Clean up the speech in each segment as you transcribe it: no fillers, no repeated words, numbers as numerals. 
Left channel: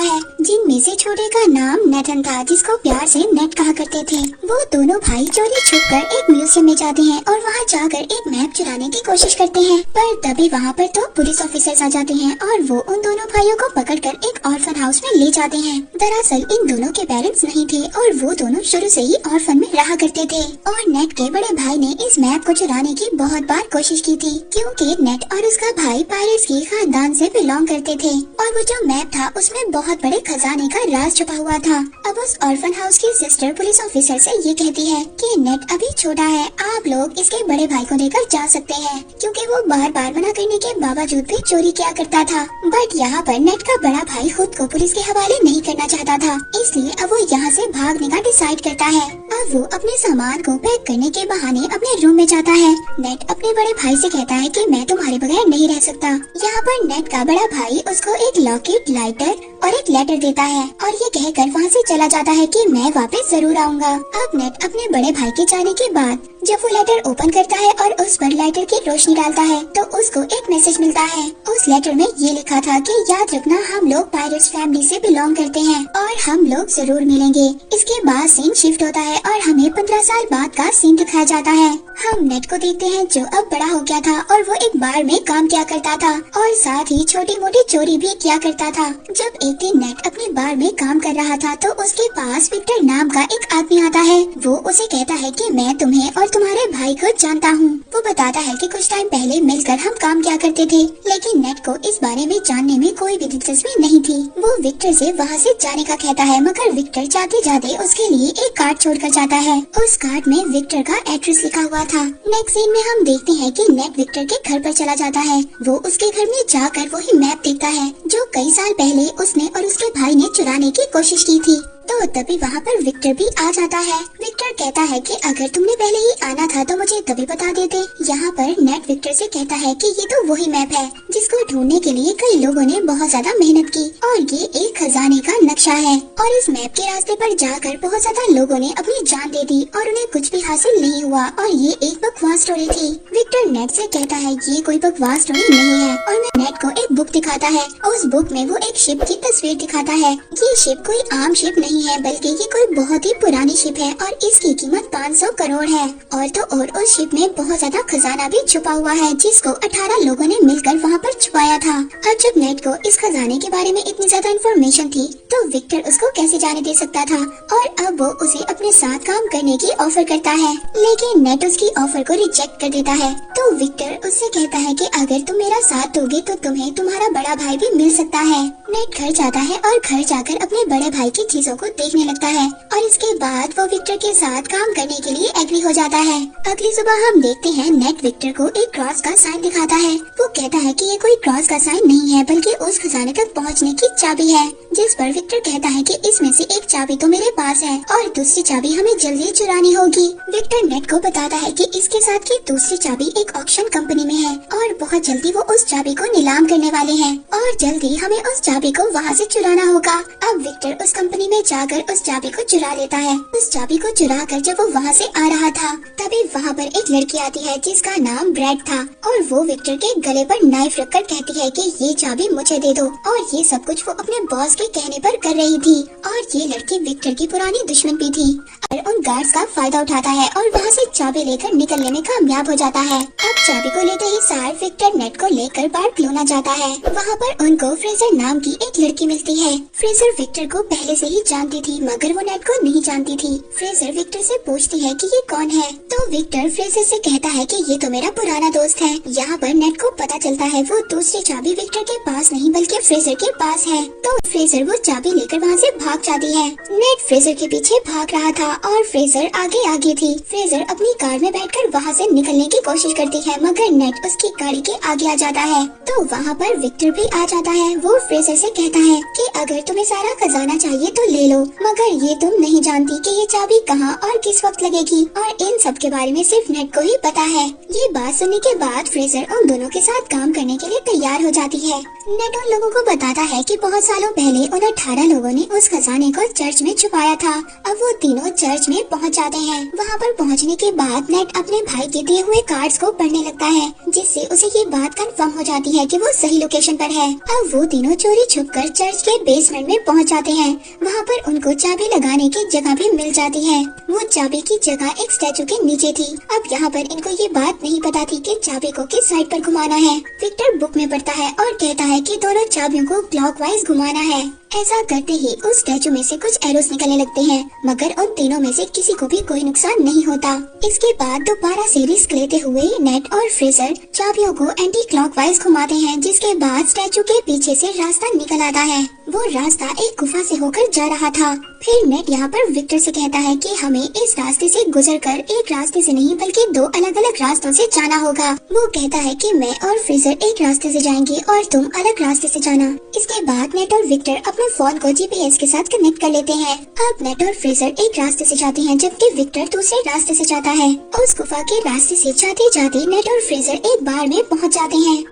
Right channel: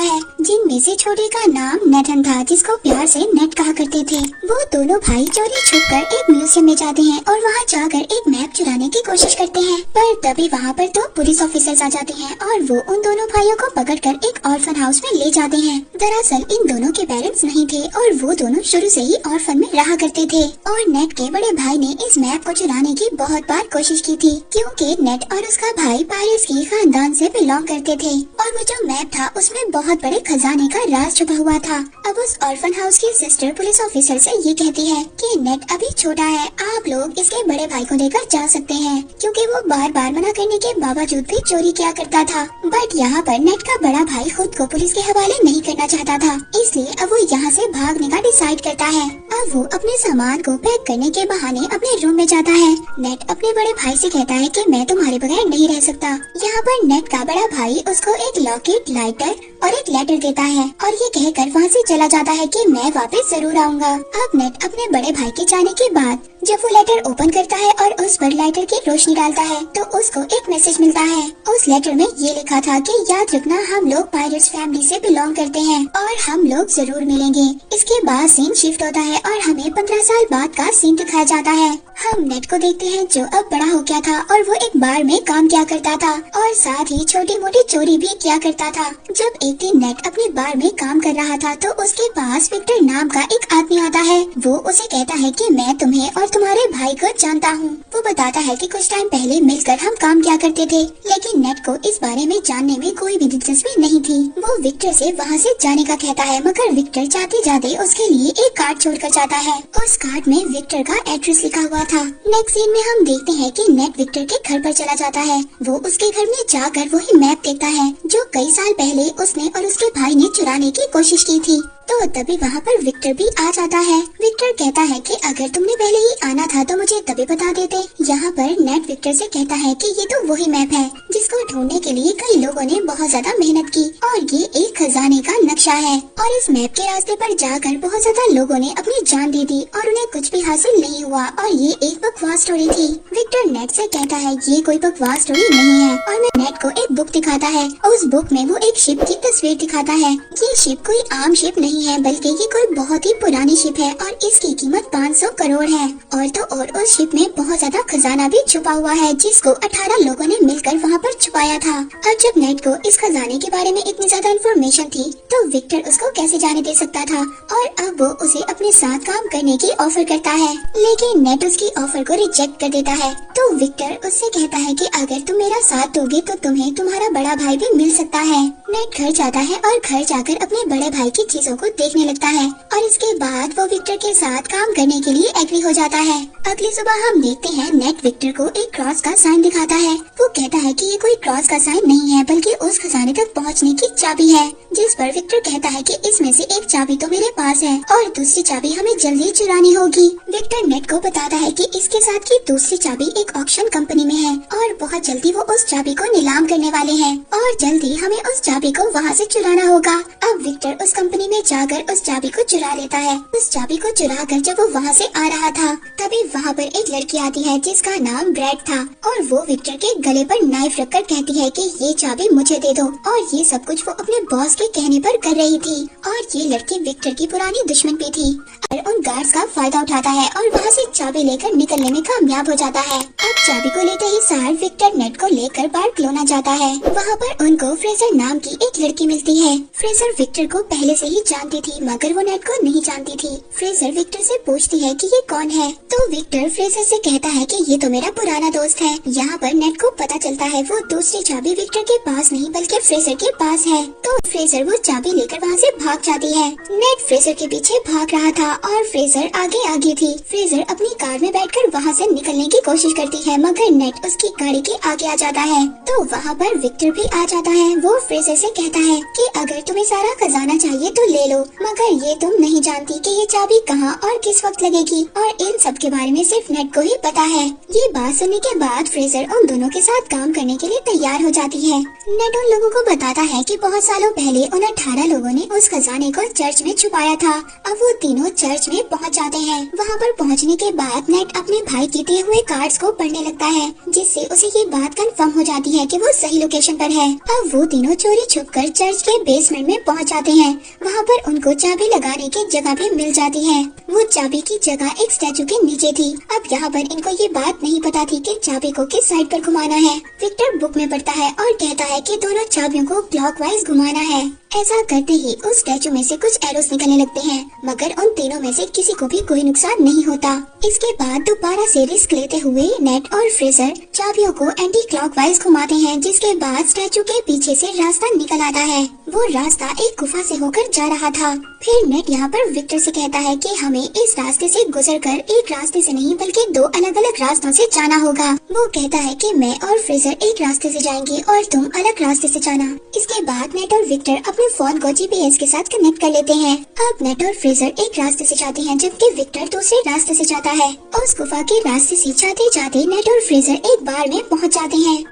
है, जिनमें से छोटे का नाम नेथन था, जिसको प्यार से नेट कहा करते थे। वो दोनों भाई चोरी छुपकर एक म्यूजियम में जाते हैं और वहाँ जाकर एक मैप चुराने की कोशिश करते हैं, पर तभी वहाँ पर दो पुलिस ऑफिसर्स आ जाते हैं और वो उन दोनों भाइयों को पकड़कर एक ऑर्फन हाउस में ले जाते हैं। दरअसल इन दोनों के पेरेंट्स नहीं थे और वो दोनों शुरू से ही ऑर्फन में रहा करते थे और नेट के बड़े भाई ने इस मैप को चुराने की बहुत बार कोशिश की थी, क्योंकि नेट और उसका भाई पायरेट्स के खानदान से बिलोंग करते थे और वो जो मैप था उसमें बहुत बड़े खजाने का राज छुपा हुआ था। अब उस ऑर्फन हाउस की सिस्टर पुलिस ऑफिसर से ये कहती है कि नेट अभी छोटा है, आप लोग इसके बड़े भाई को लेकर जा सकते हैं, क्योंकि वो बार बार मना करने के बावजूद भी चोरी किया करता था। बट यहाँ पर नेट का बड़ा भाई खुद को पुलिस के हवाले नहीं करना चाहता था, इसलिए अब वो यहाँ से भागने का डिसाइड करता है। अब वो अपने सामान को पैक करने के बहाने अपने रूम में जाता है। नेट अपने बड़े भाई से कहता है कि मैं तुम्हारे बगैर नहीं रह सकता। यहाँ पर नेट का बड़ा भाई उसको एक लॉकेट, लाइटर और एक लेटर देता है और ये कहकर वहाँ से चला जाता है कि मैं वापस जरूर आऊँगा। अब नेट अपने बड़े भाई के जाने के बाद जब वो लेटर ओपन करता है और उस पर लाइटर की रोशनी डालता है तो उसको एक मैसेज मिलता है। उस लेटर में ये लिखा था कि याद रखना हम लोग पायरेट्स फैमिली से बिलोंग करते हैं और हम लोग जरूर मिलेंगे। इसके बाद सीन शिफ्ट होता है और हमें 15 साल बाद का सीन दिखाया जाता है। हम नेट को देखते हैं जो अब बड़ा हो गया था और वो एक बार में काम किया करता था और साथ ही छोटी मोटी चोरी भी किया करता था। जब एक दिन नेट अपनी बार में काम कर रहा था तो उसके पास विक्टर नाम का एक आदमी आता है। वो उसे कहता है कि मैं तुम्हें और तुम्हारे भाई को जानता हूँ। वो बताता है कि कुछ टाइम पहले मिलकर हम काम किया करते थे, लेकिन नेट को इस बारे में जानने में कोई भी दिलचस्पी नहीं थी। वो विक्टर से वहाँ से जाने का कहता है, मगर विक्टर जाते जाते उसके लिए एक कार्ड छोड़कर जाता है। उस कार्ड में विक्टर का एड्रेस लिखा हुआ था। नेक्स्ट सीन में हम देखते हैं कि नेट विक्टर के घर पर चला जाता है। वो उसके घर में जाकर वही मैप देखता है जो कई साल पहले उसने और उसके भाई ने चुराने की कोशिश की थी। तो तभी वहाँ पर विक्टर भी आ जाता है। विक्टर कहता है कि अगर तुमने पहले ही आना था तो मुझे तभी बता देते। यहाँ पर नेट विक्टर से कहता है कि ये तो वही मैप है जिसको ढूंढने के लिए कई लोगों ने बहुत ज्यादा मेहनत की और ये एक खजाने का नक्शा है और इस मैप के रास्ते पर जाकर बहुत ज्यादा लोगों ने अपनी जान दे दी और उन्हें कुछ भी हासिल नहीं हुआ और ये एक बकवास स्टोरी थी। विक्टर नेट से कहता है ये कोई बकवास स्टोरी नहीं है और नेट को एक बुक दिखाता है। उस बुक में वो एक शिप की तस्वीर दिखाता है। ये शिप कोई आम शिप नहीं है, बल्कि ये कोई बहुत ही पुरानी शिप है और इसकी कीमत 500 करोड़ है और तो और उस शिप में बहुत ज्यादा खजाना भी छुपा हुआ है जिसको 18 लोगों ने मिलकर वहाँ पर छुपाया था। और जब नेट को इस खजाने के बारे में इतनी ज्यादा इन्फॉर्मेशन थी तो विक्टर उसको कैसे जाने दे सकता था और अब वो उसे अपने साथ काम करने की ऑफर करता है, लेकिन नेट उसकी ऑफर को रिजेक्ट कर देता है। तो विक्टर उससे कहता है कि अगर तुम मेरा साथ दोगे तो तुम्हें तुम्हारा बड़ा भाई भी मिल सकता है। नेट घर जाता है और घर जाकर अपने बड़े भाई की चीजों को देखने लगता है और इसके बाद वो विक्टर के साथ काम करने के लिए एग्री हो जाता है। अगली सुबह हम देखते हैं नेट विक्टर को एक क्रॉस का साइन दिखाता है। वो कहता है कि ये कोई क्रॉस का साइन नहीं है बल्कि उस खजाने तक पहुंचने की चाबी है, जिस पर विक्टर कहता है कि इसमें से एक चाबी तो मेरे पास है और दूसरी चाबी हमें जल्दी चुरानी होगी। विक्टर नेट को बताता है कि इसके साथ की दूसरी चाबी एक ऑक्शन कंपनी में है और बहुत जल्दी वो उस चाबी को नीलाम करने वाले हैं और जल्दी हमें उस चाबी को वहाँ से चुराना होगा। अब विक्टर उस कंपनी में जाकर उस चाबी को चुरा लेता है। उस चाबी को चुरा कर जब वो वहाँ से आ रहा था तभी वहाँ पर एक लड़की आती है जिसका नाम ब्रैड था और वो विक्टर के गले पर नाइफ रखकर कहती है कि ये चाबी मुझे दे दो और ये सब कुछ वो अपने बॉस के कहने पर कर रही थी और ये लड़की विक्टर की पुरानी दुश्मन भी थी और उन गार्ड्स का फायदा उठाता है और वहाँ से चाबी लेकर निकलने में कामयाब हो जाता है। अब चाबी को लेते ही सार विक्टर नेट को लेकर बार्सिलोना जाता है। वहाँ पर उनको फ्रेजर नाम की एक लड़की मिलती है। फ्रेजर विक्टर को पहले से ही जानती थी मगर वो नेट को नहीं जानती थी। फ्रेजर विक्टर से पूछती है कि ये कौन है तो विक्टर फ्रेजर से कहता है कि ये तो मेरा पुराना दोस्त है। यहाँ पर नेट को पता चलता है वो दूसरी चाबी विक्टर के पास नहीं बल्कि फ्रेजर के पास है। तो फ्रेजर वो चाबी लेकर वहाँ से भाग जाती है। नेट फ्रेजर के पीछे भाग रहा था और फ्रेजर आगे आगे थी। फ्रेजर अपनी कार में बैठकर वहाँ से निकलने की कोशिश करती है मगर नेट उसकी गाड़ी के आगे आ जाता है। तो वहाँ पर विक्टर भी आ जाता है। वो फ्रेजर से कहता है कि अगर तुम्हें सारा खजाना चाहिए तो ले लो लो, मगर ये तुम नहीं जानती कि ये चाबी कहाँ और किस वक्त लगेगी, और इन सब के बारे में सिर्फ नेट को ही पता है। ये बात सुनने के बाद फ्रेजर उन दोनों के साथ काम करने के लिए तैयार हो जाती है। नेट उन लोगों को बताता है कि बहुत सालों पहले उन 18 लोगों ने उस खजाने को चर्च में छुपाया था। अब वो तीनों चर्च में पहुंच जाते हैं। वहां पर पहुंचने के बाद नेट अपने भाई के दिए हुए कार्ड्स को पढ़ने लगता है, जिससे उसे ये बात कंफर्म हो जाती है कि वो सही लोकेशन पर है। अब वो तीनों चोरी छुपकर चर्च के बेसमेंट में पहुंच जाते हैं। वहां पर उनको चाबी लगाने की जगह भी मिल जाती है। वो चाबी की जगह एक स्टैचू के नीचे थी। अब यहाँ पर इनको ये बात नहीं पता थी कि चाबी को किस साइड पर घुमाना है। विक्टर बुक में पढ़ता है और कहता है कि दोनों चाबियों को क्लॉकवाइज घुमाना है। ऐसा करते ही उस स्टैचू में से कुछ एरोस निकलने लगते हैं, मगर उन तीनों में से किसी को भी कोई नुकसान नहीं होता। इसके बाद दोबारा से रिस्क लेते हुए नेट और फ्रेजर चाबियों को एंटी क्लॉकवाइज घुमाते हैं, जिसके बाद स्टैचू के पीछे से रास्ता निकल आता है। वो रास्ता एक गुफा से होकर जा रहा था। फिर नेट यहाँ पर विक्टर से कहता है कि हमें इस रास्ते से गुजरकर एक रास्ते से नहीं बल्कि दो अलग अलग रास्तों से जाना होगा। वो कहता है कि मैं और फ्रेजर एक रास्ते से जाएंगी और तुम अलग रास्ते से जाना। इसके बाद नेट और विक्टर अपने फोन को जीपीएस के साथ कनेक्ट कर लेते हैं। अब नेट और फ्रेजर एक रास्ते से जाते हैं, जबकि विक्टर दूसरे रास्ते से जाता है। उस गुफा के रास्ते से जाते जाते नेट और फ्रेजर एक बार में पहुंच जाते हैं।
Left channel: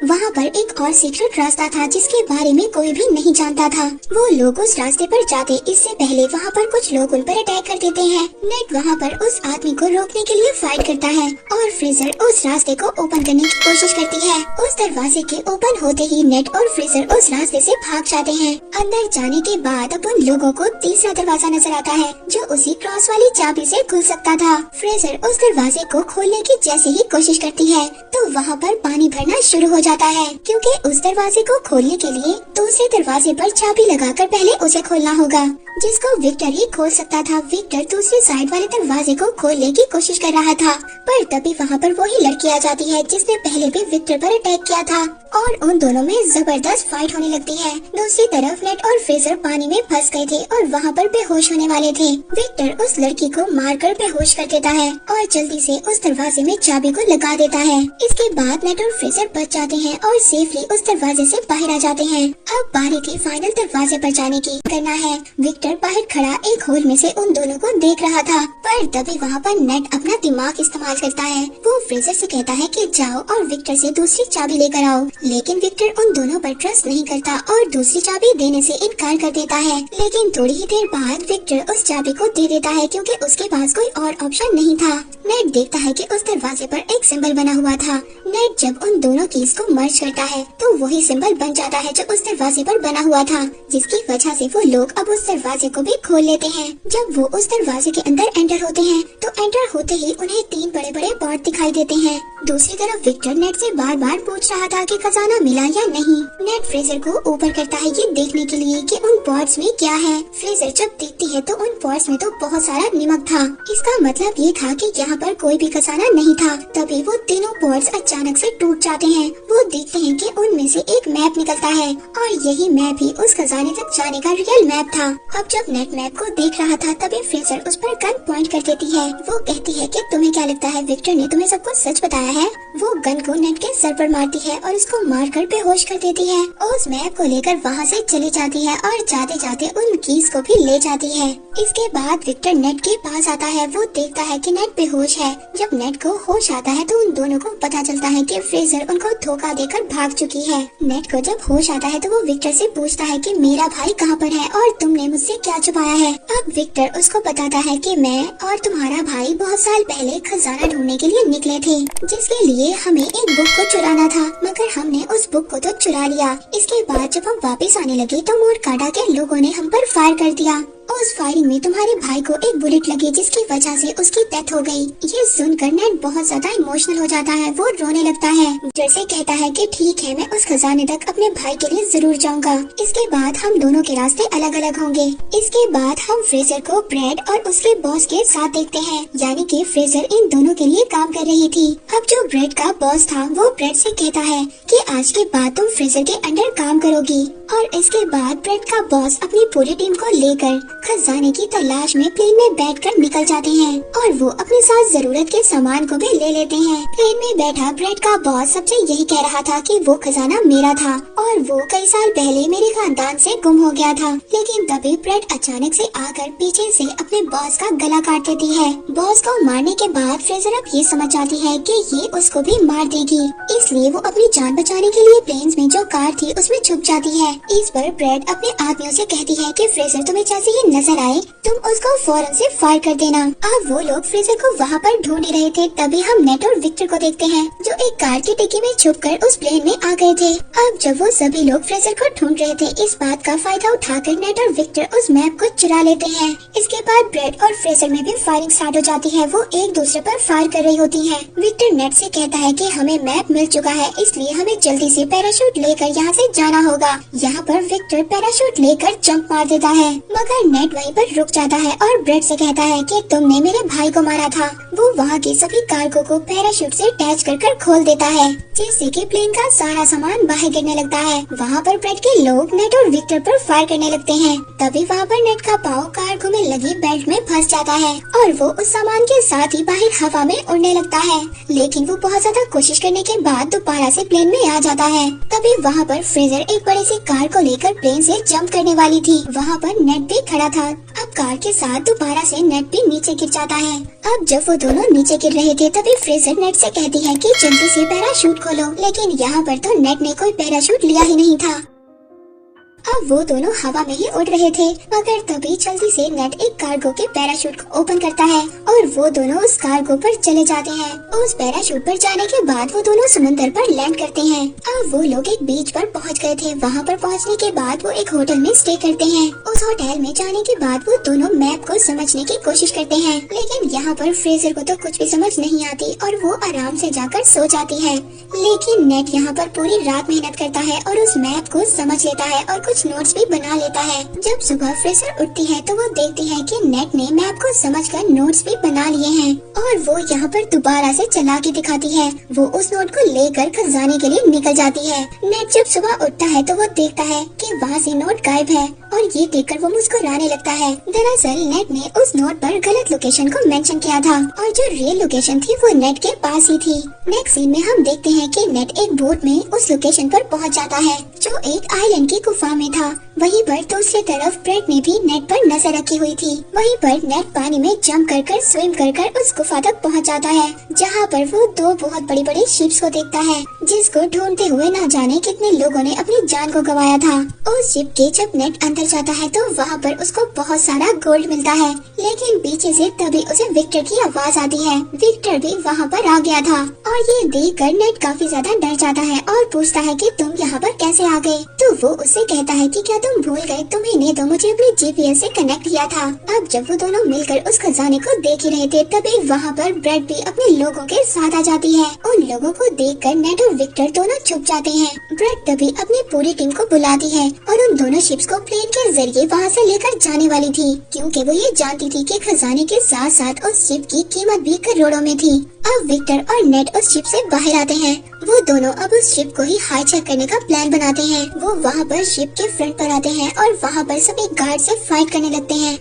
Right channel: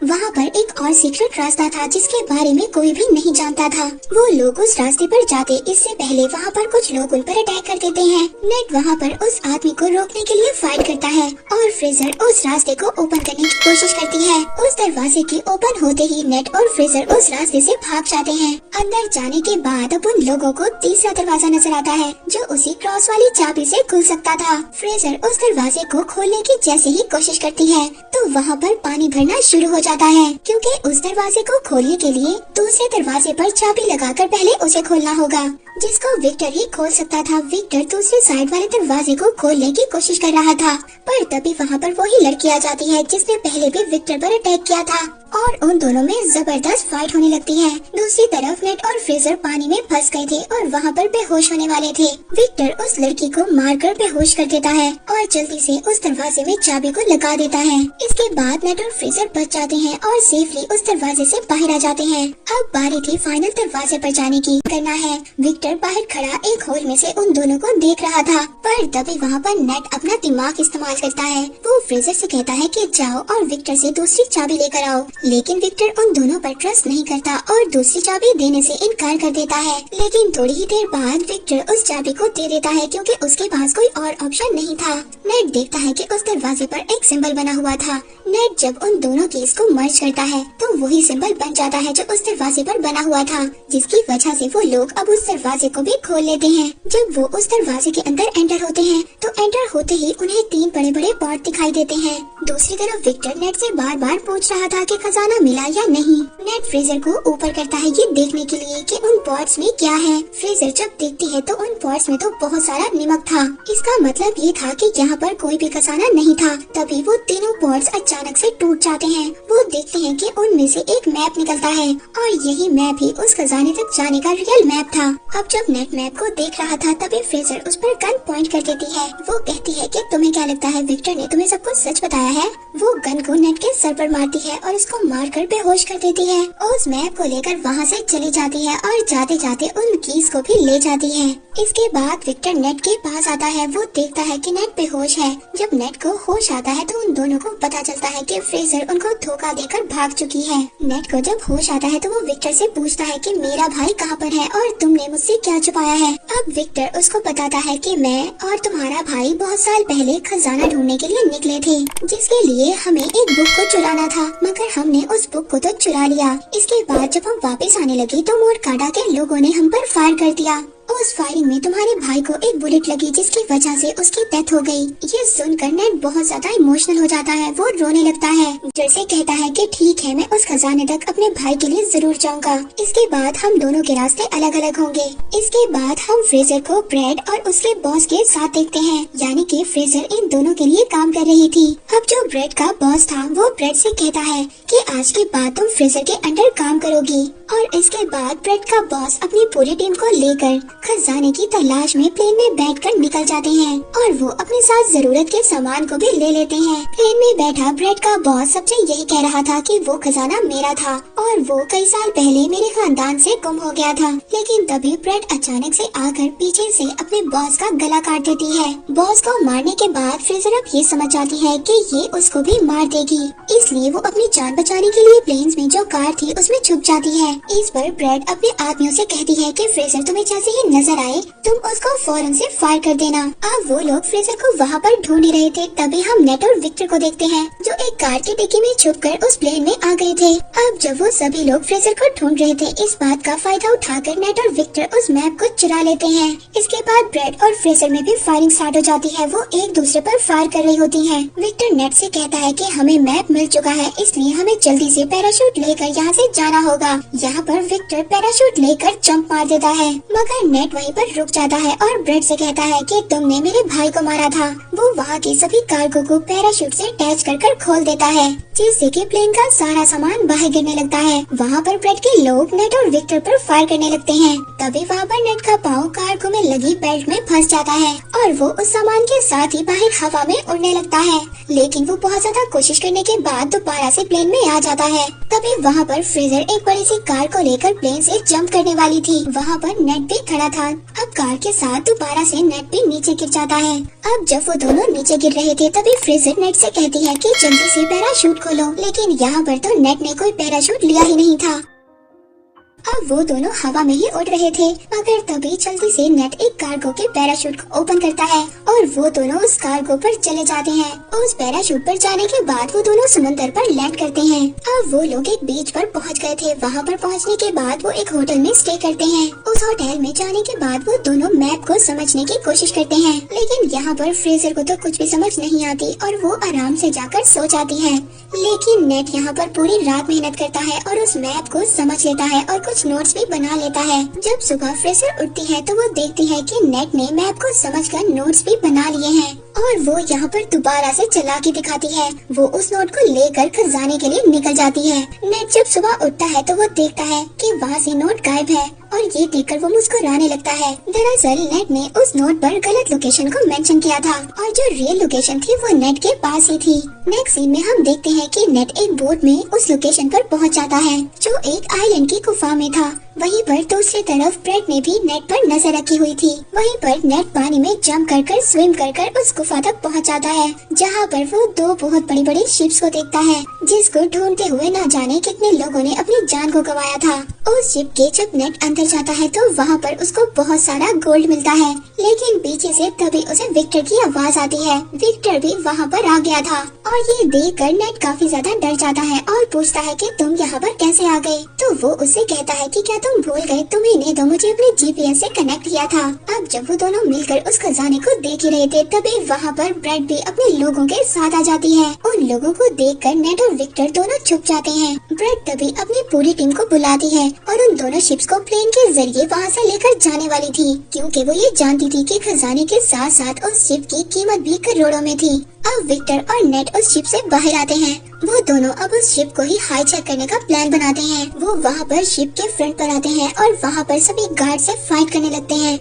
वहाँ पर एक और सीक्रेट रास्ता था जिसके बारे में कोई भी नहीं जानता था। वो लोग उस रास्ते पर जाते इससे पहले वहाँ पर कुछ लोग उन पर अटैक कर देते हैं। नेट वहाँ पर उस आदमी को रोकने के लिए फाइट करता है और फ्रेजर उस रास्ते को ओपन करने की कोशिश करती है। उस दरवाजे के ओपन होते ही नेट और फ्रेजर उस रास्ते से भाग जाते हैं। अंदर जाने के बाद अब उन लोगों को तीसरा दरवाजा नजर आता है, जो उसी क्रॉस वाली चाबी से खुल सकता था। फ्रेजर उस दरवाजे को खोलने की जैसे ही कोशिश करती है तो वहाँ पर पानी भरना शुरू हो जाता है, क्योंकि उस दरवाजे को खोलने के लिए दूसरे दरवाजे पर चाबी लगाकर पहले उसे खोलना होगा, जिसको विक्टर ही खोल सकता था। विक्टर दूसरी साइड वाले दरवाजे को खोलने की कोशिश कर रहा था, पर तभी वहाँ पर वही लड़की आ जाती है जिसने पहले भी विक्टर पर अटैक किया था और उन दोनों में जबरदस्त फाइट होने लगती है। दूसरी तरफ नेट और फ्रेजर पानी में फंस गए थे और वहाँ पर बेहोश होने वाले थे। विक्टर उस लड़की को मारकर बेहोश कर देता है और जल्दी से उस दरवाजे में चाबी को लगा देता है। इसके बाद नेट और फ्रेजर बच जाते हैं और सेफली उस दरवाजे से बाहर आ जाते हैं। अब बारी थी फाइनल दरवाजे पर जाने की। करना है। विक्टर बाहर खड़ा एक होल में से उन दोनों को देख रहा था, पर तभी वहाँ पर नेट अपना दिमाग इस्तेमाल करता है। वो फ्रेजर से कहता है कि जाओ और विक्टर से दूसरी चाबी लेकर आओ, लेकिन विक्टर उन दोनों पर ट्रस्ट नहीं करता और दूसरी चाबी देने से इनकार कर देता है। लेकिन थोड़ी ही देर बाद विक्टर उस चाबी को दे देता है, क्योंकि उसके पास कोई और ऑप्शन नहीं था। नेट देखता है कि उस दरवाजे पर एक सिंबल बना हुआ था। नेट जब उन दोनों कीज को मर्ज करता है तो वही सिंबल बन जाता है जो उस दरवाजे पर बना हुआ था, जिसकी वजह से वो लोग अब उस दरवाजे को भी खोल लेते हैं। जब वो उस दरवाजे के अंदर एंटर होते हैं तो एंटर होते ही उन्हें 3 बड़े बड़े पॉट दिखाई देते हैं। दूसरी तरफ विक्टर नेट से बार बार पूछ रहा था कि खजाना मिला या नहीं। नेट फ्रेजर को ऊपर करता है ये देखने के लिए कि उन पॉट्स में क्या है। फ्रेजर जब देखती है तो उन पॉट्स में तो बहुत सारा नमक था। इसका मतलब ये था कि यहाँ पर कोई भी खजाना नहीं था। तभी वो तीनों पॉट्स अचानक से टूट जाते हैं। वो देखते हैं कि उनमें से एक मैप निकलता है और यही मैप ही उस खजाने तक जाने का रियल मैप था। अब जब नेट मैप को देख रहा था तभी फ्रेजर उस पर गन पॉइंट कर देती है। वो कहती है कि तुम्हें क्या लगता है विक्टर ने तुम्हें सब कुछ सच बताया है। वो गन को नेट के सर पर मारती है और उसको मारकर बेहोश कर देती है। उस मैप को लेकर वहाँ से चली जाती है और जाते जाते उन कीज को भी ले जाती है। इसके बाद विक्टर नेट के पास आता है। वो देखता है कि नेट बेहोश है। जब नेट को होश आता है तो उन दोनों को पता चलता है कि फ्रेजर उनको धोखा देकर भाग चुकी है। नेट को जब होश आता है तो वो विक्टर से पूछता है कि मेरा भाई कहाँ पर है और तुमने मुझसे क्या छुपाया है। अब विक्टर उसको बताता है कि मैं और तुम्हारा भाई बहुत साल पहले खजाना ढूंढने के लिए निकले थे, जिसके लिए हमें एक बुक को चुराना था, मगर हमने उस बुक को तो चुरा लिया। इसके बाद जब हम वापस आने लगे तो मोरकाडा के लोगों ने हम पर फायर कर दिया। उस फायरिंग में तुम्हारे भाई को एक बुलेट लगी, जिसकी वजह से उसकी डेथ हो गई। ये सुनकर नेट बहुत ज्यादा इमोशनल हो जाता है। वो रोने लगता है। जैसे कहता है कि ठीक है, मैं उस खजाने तक अपने भाई के लिए जरूर जाऊंगा। इसके बाद हम दोनों के रास्ते अलग अलग होंगे। इसके बाद हम फ्रेजर को ब्रेड और उसके बॉस के साथ देखते हैं, यानी कि फ्रेजर इन दोनों के लिए काम कर रही थी। अब जो ब्रेड का बॉस था वो ब्रेड से कहता है कि आज के बाद तुम फ्रेजर के अंडर काम करोगी। और इसके बाद ब्रेड का बॉस अपनी पूरी टीम को लेकर खजाने की तलाश में प्लेन में बैठकर निकल जाते हैं और वो अपने साथ जरूरत के सामान को भी ले लेते हैं। प्लेन में बैठा ब्रेड का बॉस सबसे यही कह रहा था कि वो खजाना मेरा था और वो कई साल पहले मेरे खानदान से गुम हो गया था। लेकिन तभी ब्रेड अचानक से आकर पीछे से अपने बॉस का गला काट देती है। बॉस को मारने के बाद फ्रेजर अब ये समझ जाती है कि ये उसको भी मार देगी, इसलिए वो अपनी जान बचाने के लिए प्लेन्स में जो कार थी उसमें छुप जाती है। इस पर ब्रेड अपने आदमियों से कहती है कि फ्रेजर तुम्हें जैसे ही नजर आए तुम उसको फौरन से फायर कर देना। अब वो लोग फ्रेजर को वहाँ पर ढूंढ ही रहे थे, तभी हम नेट और विक्टर को देखते हैं जो एक कार की डिक्की में छुपकर उस प्लेन में आ गए थे। अब जब वो सभी लोग फ्रेजर को ढूंढ रहे थे, इस बात का फायदा उठाकर नेट और विक्टर उस मैप को चुरा लेते हैं। इसके बाद ब्रेड और फ्रेजर में भी फायरिंग स्टार्ट हो जाती है। वो एक दूसरे पर फायर कर रही होती हैं। विक्टर नेट से कहता है कि हमें मैप मिल चुका है, इसलिए हमें जल्दी से पैराशूट लेकर यहाँ से जाना होगा। यहाँ पर विक्टर पैराशूट लेकर जंप मार देता है, मगर नेट वहीं पर रुक जाता है और ब्रेड से कहता है कि तुमने मेरे भाई को मारा था। वो वहाँ के सभी कार्गो को पैराशूट से अटैच कर खोल देता है, जिससे कि प्लेन का सारा सामान बाहर गिरने लगता है। वहाँ पर ब्रेड के लोग नेट और विक्टर पर फायर करने लगते हैं। तभी वहाँ पर नेट का पाँव कार्गो में लगी बेल्ट में फंस जाता है और वो उस सामान के साथ ही बाहर हवा में उड़ने लगता है। लेकिन वो बहुत ज्यादा कोशिश करने के बाद दोबारा से प्लेन में आ जाता है। तभी वहाँ पर फ्रेजर एक बड़ी सी कार को लेकर प्लेन से जंप करने वाली थी। वहाँ पर नेट भी खड़ा था। अब कार के साथ दोबारा से नेट भी नीचे गिर जाता है। अब जब वो दोनों नीचे गिर रहे थे, तभी फ्रेजर नेट से कहती है कि जल्दी से पैराशूट खोलो, लेकिन यहाँ पर तो नेट ने कोई पैराशूट लिया ही नहीं था। अब वो दोनों हवा में ही उड़ रहे थे, मगर तभी जल्दी से नेट एक कार्गो के पैराशूट को ओपन करता है और वो दोनों उस कार्गो पर चले जाते हैं। उस पैराशूट पर जाने के बाद वो दोनों समुद्र पर लैंड करते हैं। अब वो लोग एक बीच पर पहुंच गए थे। वहाँ पर पहुंचने के बाद वो एक होटल में स्टे करते हैं। उस होटल में जाने के बाद वो दोनों मैप को समझने की कोशिश करते हैं, लेकिन यहाँ पर फ्रेजर को तो कुछ भी समझ नहीं आती और वो आराम से जाकर सो जाती है। लेकिन नेट यहाँ पर पूरी रात मेहनत करता है और उस मैप को समझ लेता है और कुछ नोट्स भी बना लेता है। जब सुबह फ्रेजर उठती है तो वो देखती है कि नेट ने मैप को समझकर नोट्स भी बना लिए हैं और वो यहाँ पर दोबारा से चला के दिखाती है। वो उस नोट को लेकर खजाने के लिए निकल जाती है। नेट जब सुबह उठता है तो वो देखता है कि वहाँ से नोट गायब है और ये देखकर वो मुस्कुराने लगता है। दरअसल नेट ने उस नोट पर गलत लोकेशन को मेंशन किया था और जो रियल लोकेशन थी वो नेट के पास ही थी। नेक्स्ट सीन में हम देखते हैं कि नेट एक बोट में उस लोकेशन पर पहुंच जाता है जो एक आइलैंड की गुफा में था। वहीं पर दूसरी तरफ ब्रेड ने भी नेट पर नजर रखी हुई थी। वहीं पर नेट पानी में जंप कर स्विम कर उस गुफा तक पहुंच जाता है, जहां पर वो दो बहुत बड़ी बड़ी शिप्स को देखता है, जिसको ढूंढते हुए ना जाने कितने लोगों ने अपनी जान को गंवाया था। उस शिप के जब नेट अंदर जाता है तो वहाँ पर उसको बहुत सारा गोल्ड मिलता है, लेकिन पीछे से तभी उसे विक्टर की आवाज आती है। विक्टर भी वहाँ पर आ गया था और ये देखकर नेट काफी ज्यादा डर जाता है और पूछता है कि तुम यहाँ पर कैसे आ गए। तो वो उससे कहता है कि क्या तुम भूल गए, तुम्हें तो मुझे अपने जीपीएस से कनेक्ट किया था। अब जब वो दोनों मिलकर उस खजाने को देख ही रहे थे, तभी वहाँ पर ब्रेड भी अपने लोगों के साथ आ जाती है। उन लोगों को देखकर नेट और विक्टर दोनों छुप जाते हैं। ब्रेड तभी अपनी पूरी टीम को बुलाती है और उन दोनों शिप्स को प्लेन के जरिए वहाँ से लेकर जाने वाली थी, क्योंकि वो ये जानती थी कि खजाने के साथ साथ उस शिप की कीमत भी करोड़ों में थी। अब विक्टर और नेट उस शिप से बाहर आते हैं। वो दोनों अब उस शिप को ही हाईजैक करने का प्लान बनाते हैं। वो वहाँ पर शिप के फ्रंट पर आते हैं और वहाँ पर सभी गार्ड से फाइट करने लगते हैं।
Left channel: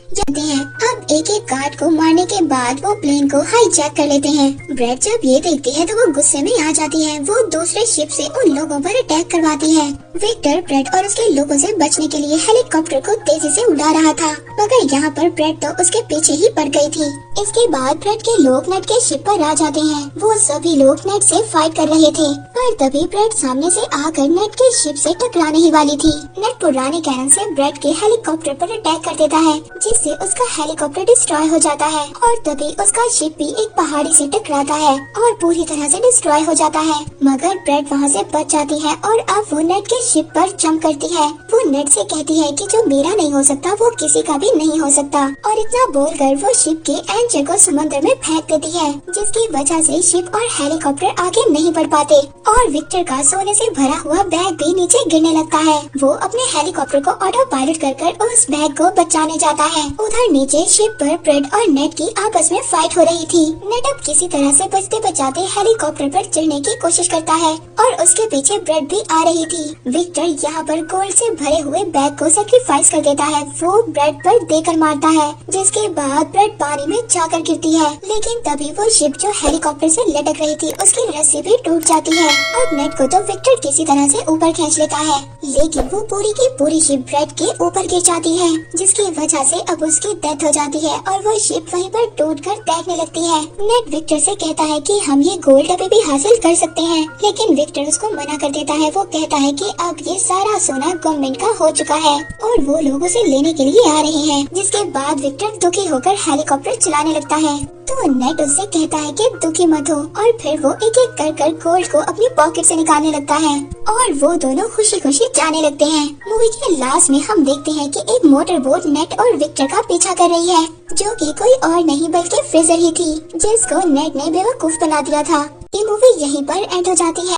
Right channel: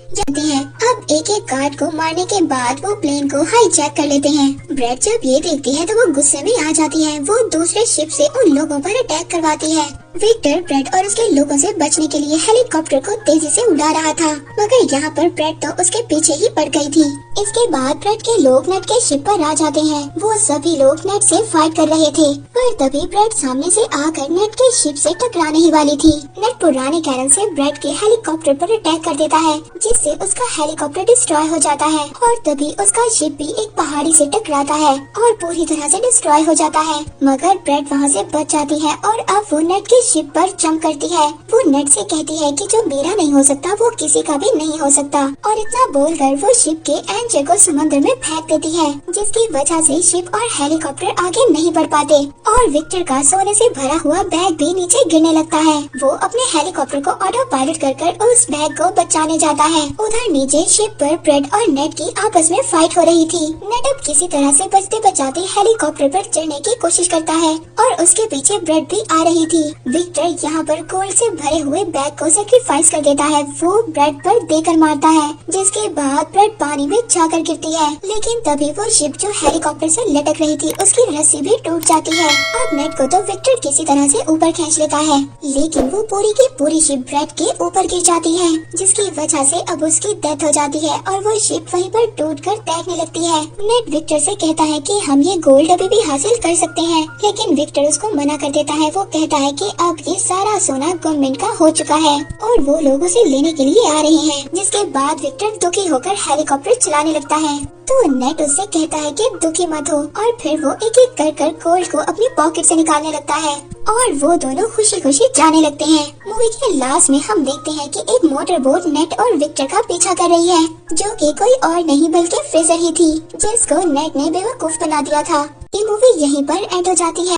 अब एक एक गार्ड को मारने के बाद वो प्लेन को हाईजैक कर लेते हैं। ब्रेड जब ये देखती है तो वो गुस्से में आ जाती है। वो दूसरे शिप से उन लोगों पर अटैक करवाती है। विक्टर ब्रेड और उसके लोगों से बचने के लिए हेलीकॉप्टर को तेजी से उड़ा रहा था, मगर यहाँ पर ब्रेड तो उसके पीछे ही पड़ गई थी। इसके बाद ब्रेड के लोग नेट के शिप पर आ जाते हैं। वो सभी लोग नेट से फाइट कर रहे थे, पर तभी ब्रेड सामने से आकर नेट के शिप से टकराने ही वाली थी। नेट पुराने कारण से ब्रेड के हेलीकॉप्टर पर अटैक कर देता है, जिससे उसका हेलीकॉप्टर डिस्ट्रॉय हो जाता है और तभी उसका शिप भी एक पहाड़ी से टकराता है और पूरी तरह से डिस्ट्रॉय हो जाता है। मगर ब्रेड वहाँ से बच जाती है और अब वो नेट के शिप पर जंप करती है। वो नेट से कहती है कि जो मेरा नहीं हो सकता वो किसी का भी नहीं हो सकता, और इतना बोलकर वो शिप के एंकर को समुद्र में फेंक देती है, जिसकी वजह से शिप और हेलीकॉप्टर आगे नहीं बढ़ पाते और विक्टर का सोने से भरा हुआ बैग भी नीचे गिरने लगता है। वो अपने हेलीकॉप्टर को ऑटो पायलट कर उस बैग को बचाने जाता है। उधर नीचे शिप पर ब्रेड और नेट की आपस में फाइट हो रही थी। नेट अब किसी तरह से बचते बचाते हेलीकॉप्टर पर चढ़ने की कोशिश करता है और उसके पीछे ब्रेड भी आ रही थी। विक्टर यहाँ पर गोल्ड से भरे हुए बैग को सेक्रीफाइस कर देता है। वो ब्रेड पर देकर मारता है, जिसके बाद ब्रेड पानी में जाकर गिरती है। लेकिन तभी वो शिप जो हेलीकॉप्टर से लटक रही थी उसकी रस्सी भी टूट जाती है। अब नेट को तो विक्टर किसी तरह से ऊपर खींच लेता है, लेकिन वो पूरी की पूरी शिप ब्रेड के ऊपर गिर जाती है, जिसकी वजह से अब उसकी डेथ हो जाती है और वो शिप वहीं पर टूटकर तैरने लगती है। नेट विक्टर से कहता है कि हम ये गोल्ड अभी भी हासिल कर सकते हैं, लेकिन विक्टर उसको मना कर देता है। वो कहता है कि अब ये सारा सोना गवर्नमेंट का हो चुका है और वो लोग उसे लेने के लिए आ रहे हैं। जिसके बाद विक्टर दुखी होकर हेलीकॉप्टर चलाने लगता है। तो नेट उससे कहता है कि दुखी मत हो और फिर वो एक एक कर गोल्ड को अपनी पॉकेट से निकालने लगता है और वो दोनों खुशी खुशी जाने लगते हैं। मूवी के लास्ट में हम देखते हैं कि एक मोटर बोट नेट और विक्टर का पीछा कर रही है, जो कि कोई और नहीं बल्कि फ्रेजर ही थी, जिसको नेट ने बेवकूफ बना दिया था। ये मूवी यहीं पर एंड हो जाती है।